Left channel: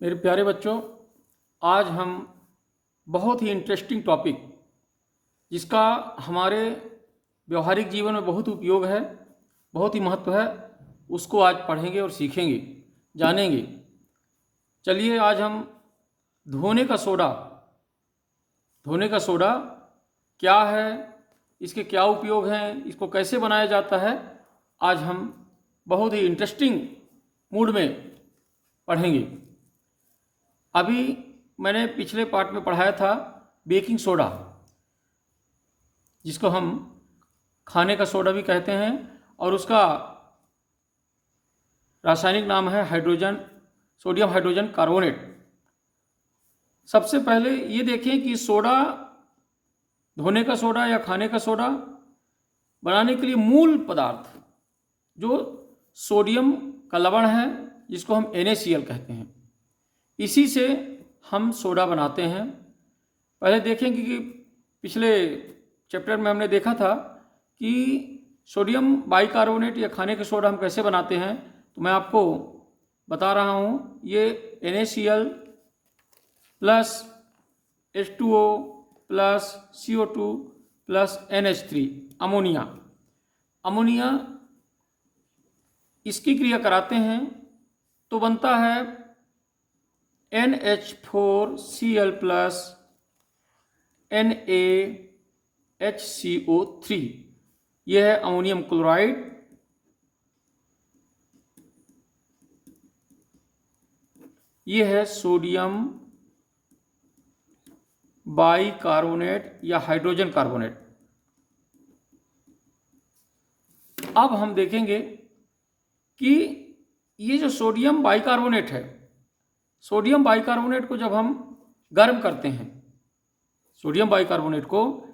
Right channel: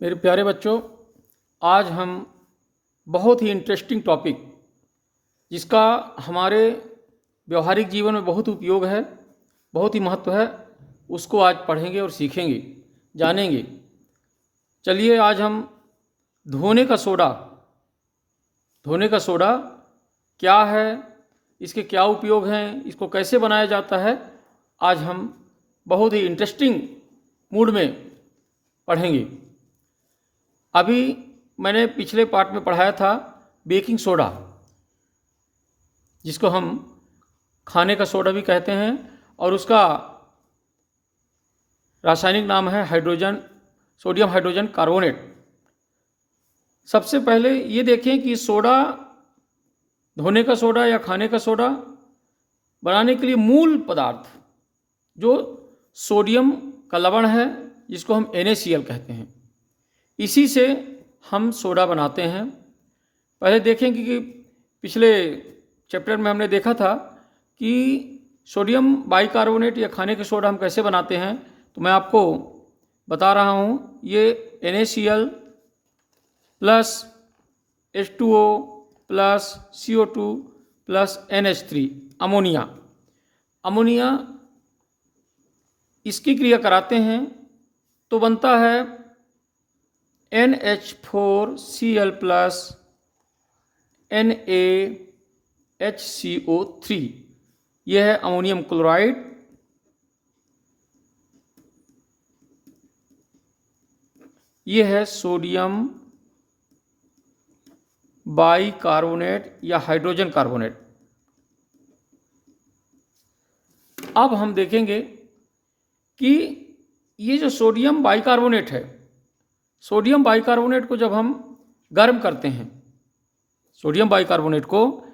मेरे प्यारे बच्चों, आज हम बहुत ही इंटरेस्टिंग टॉपिक जिसका हमारे व्यवहारिक जीवन में बहुत उपयोग है, बहुत ही महत्व है, उसको आज पढ़ेंगे और सीखेंगे, जानेंगे। चलिए आज हम धोने का सोडा क्या है, इसके क्या उपयोग हैं, इसको कैसे बनाया जाता है, आज हम बहुत ही इंटरेस्टिंग मूड में पढ़ेंगे। अभी मैंने पिछले पार्ट में पढ़ाया था बेकिंग सोडा, जिसको हम खाने का सोडा भी कहते हैं, और उसका रासायनिक नाम है सोडियम हाइड्रोजन कार्बोनेट। सबसे पहले ये देखें कि सोडा, धोने का सोडा या खाने का सोडा बनाने के लिए मूल पदार्थ जो सोडियम का लवण है, जिसको हम NaCl कहते हैं, इसी से हम सोडा बनाते हैं। पहले देखेंगे कि पिछले चैप्टर में हमने देखा था कि सोडियम बाइकार्बोनेट या खाने के सोडा हम कैसे बनाते हैं, तो मैं आपको बता रहा हूँ। ये NaCl plus H2O plus CO2 plus NH3 ammonia इसकी क्रिया कराते हैं तो बनता है NH4Cl प्लस NaHCO3। यह है अमोनियम क्लोराइड। यह है सोडियम बाइकार्बोनेट या हाइड्रोजन कार्बोनेट। अब हम देखेंगे कि ये जो सोडियम बाइकार्बोनेट है, सोडियम बाइकार्बोनेट को जब हम गर्म करते हैं, सोडियम बाइकार्बोनेट को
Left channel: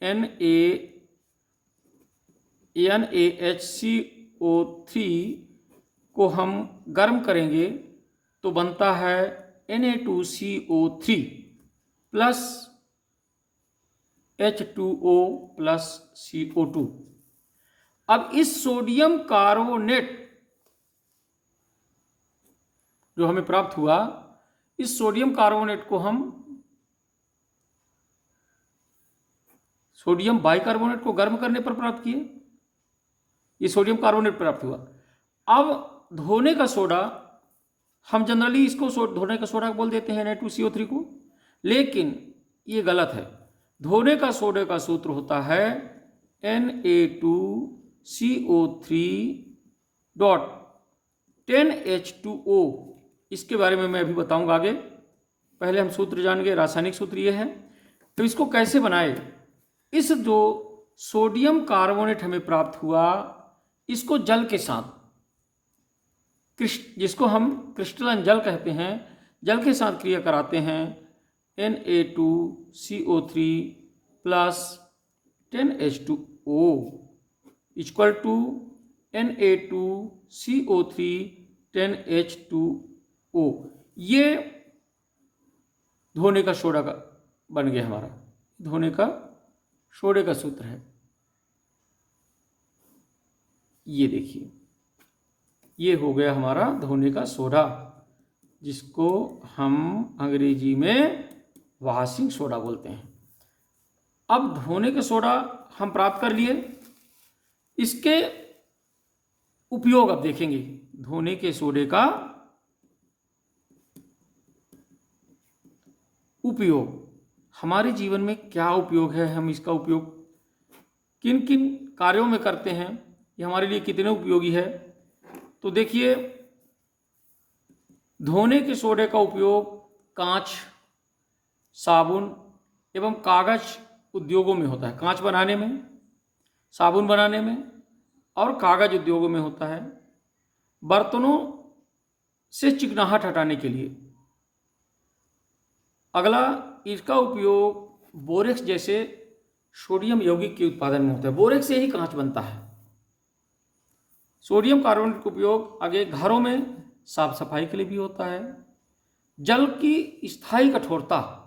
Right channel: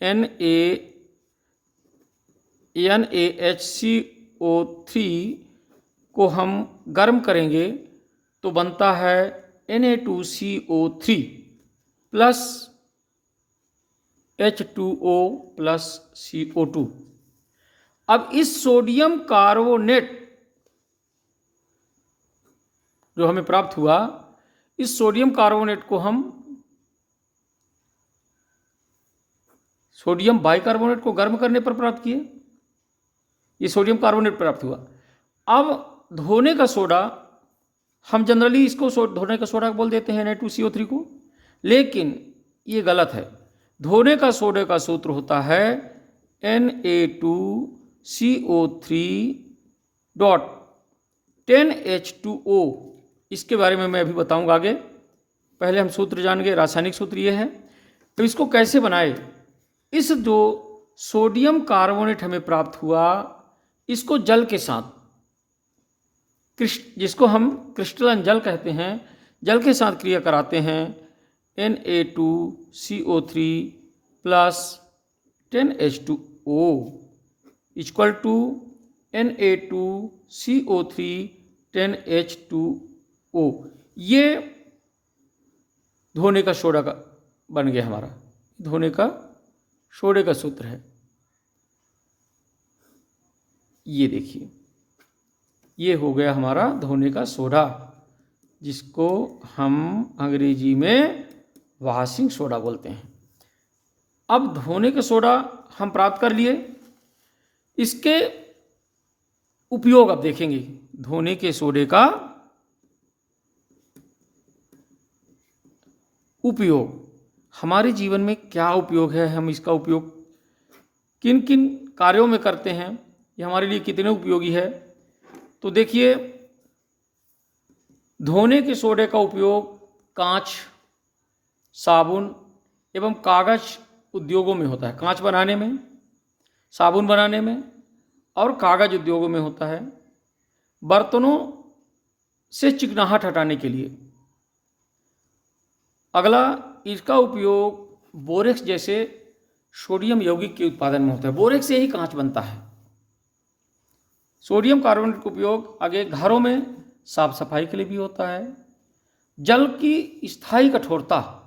NaHCO3 को हम गर्म करेंगे तो बनता है Na2CO3 plus H2O plus CO2। अब इस सोडियम कार्बोनेट जो हमें प्राप्त हुआ, इस सोडियम कार्बोनेट को हम सोडियम बाइकार्बोनेट को गर्म करने पर प्राप्त किए, ये सोडियम कार्बोनेट प्राप्त हुआ। अब धोने का सोडा, हम जनरली इसको धोने का सोडा बोल देते हैं Na2CO3 को, लेकिन ये गलत है। धोने का सोडे का सूत्र होता है Na2CO3 डॉट 10H2O। इसके बारे में मैं अभी बताऊंगा आगे। पहले हम सूत्र जानेंगे। रासायनिक सूत्र ये है। तो इसको कैसे बनाए, इस जो सोडियम कार्बोनेट हमें प्राप्त हुआ, इसको जल के साथ, जिसको हम क्रिस्टलन जल कहते हैं, जल के साथ क्रिया कराते हैं। Na2CO3 plus 10H2O equal to Na2CO3 10H2O। ये धोने का सोडा का बन गया हमारा, धोने का सोडे का सूत्र है। ये देखिए, ये हो गया हमारा धोने का सोडा, जिसको हम अंग्रेजी में वॉशिंग सोडा बोलते हैं। अब धोने का सोडा हम प्राप्त कर लिए, इसके उपयोग अब देखेंगे। धोने के सोडे का उपयोग, हमारे जीवन में क्या उपयोग है, हम इसका उपयोग किन किन कार्यों में करते हैं, ये हमारे लिए कितने उपयोगी है। तो देखिए, धोने के सोडे का उपयोग कांच, साबुन एवं कागज उद्योगों में होता है। कांच बनाने में, साबुन बनाने में और कागज उद्योगों में होता है। बर्तनों से चिकनाहट हटाने के लिए। अगला, इसका उपयोग बोरेक्स जैसे सोडियम यौगिक के उत्पादन में होता है। बोरेक्स से ही कांच बनता है। सोडियम कार्बोनेट का उपयोग आगे घरों में साफ सफाई के लिए भी होता है। जल की स्थायी कठोरता,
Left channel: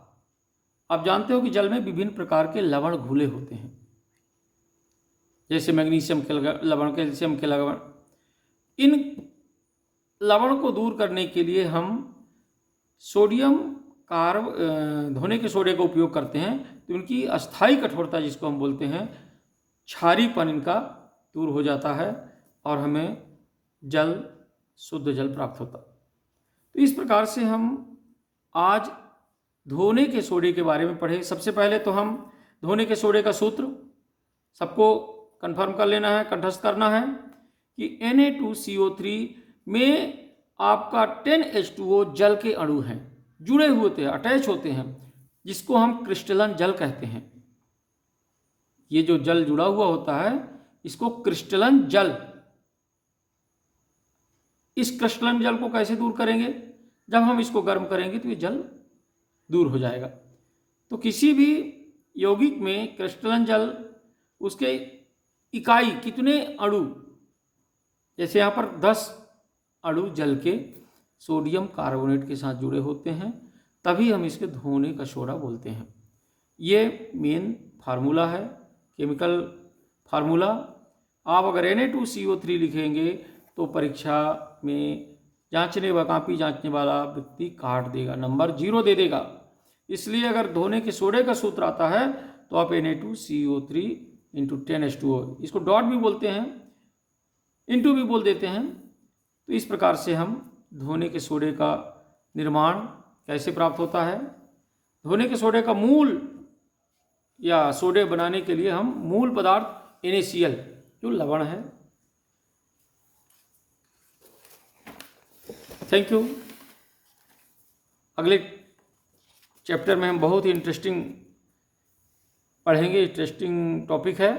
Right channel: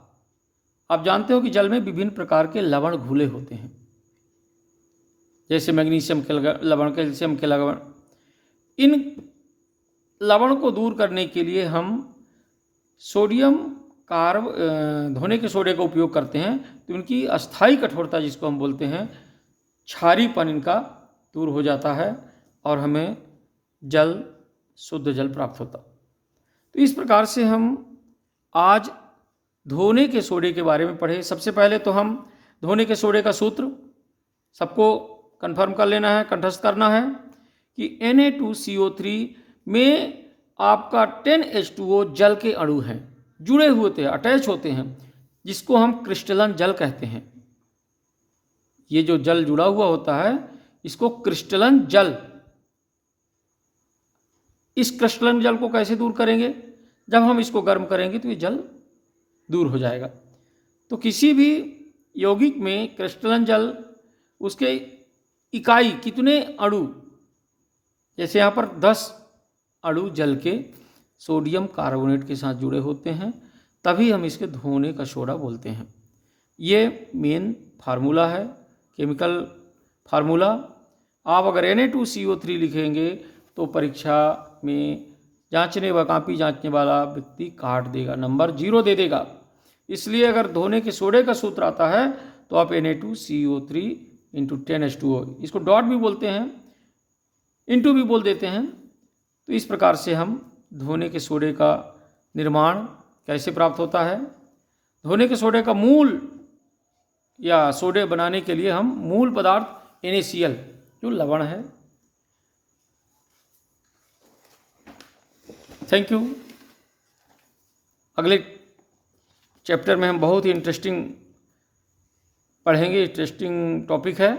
आप जानते हो कि जल में विभिन्न प्रकार के लवण घुले होते हैं, जैसे मैग्नीशियम के लवण, कैल्शियम के लवण। इन लवण को दूर करने के लिए हम सोडियम धोने के सोडे का उपयोग करते हैं तो इनकी अस्थायी कठोरता, जिसको हम बोलते हैं, क्षारीपन इनका दूर हो जाता है और हमें शुद्ध जल प्राप्त होता। तो इस प्रकार से हम आज धोने के सोडे के बारे में पढ़े। सबसे पहले तो हम धोने के सोडे का सूत्र सबको कंफर्म कर लेना है, कंठस्थ करना है कि Na2CO3 में आपका 10H2O जल के अणु हैं, जुड़े हुए थे, अटैच होते हैं, जिसको हम क्रिस्टलन जल कहते हैं। ये जो जल जुड़ा हुआ होता है इसको क्रिस्टलन जल। इस क्रिस्टलन जल को कैसे दूर करेंगे? जब हम इसको गर्म करेंगे तो ये जल दूर हो जाएगा। तो किसी भी यौगिक में क्रिस्टलन जल, उसके इकाई कितने अणु, जैसे यहाँ पर 10 अणु जल के सोडियम कार्बोनेट के साथ जुड़े होते हैं, तभी हम इसके धोने का सोडा बोलते हैं। ये मेन फार्मूला है, केमिकल फार्मूला। आप अगर Na2CO3 लिखेंगे तो परीक्षा में कापी जांचने वाला व्यक्ति काट देगा, नंबर 0 दे देगा। इसलिए अगर धोने के सोडे का सूत्र आता है तो आप Na2CO3 इंटू 10H2O, इसको डॉट भी बोलते हैं, इंटू भी बोल देते हैं। तो इस प्रकार से हम धोने के सोडे का निर्माण कैसे प्राप्त होता है। धोने के सोडे का मूल या सोडे बनाने के लिए हम मूल पदार्थ NaCl, जो लवण है। Thank you. अगले चैप्टर में हम बहुत ही इंटरेस्टिंग पढ़ेंगे, इंटरेस्टिंग टॉपिक है।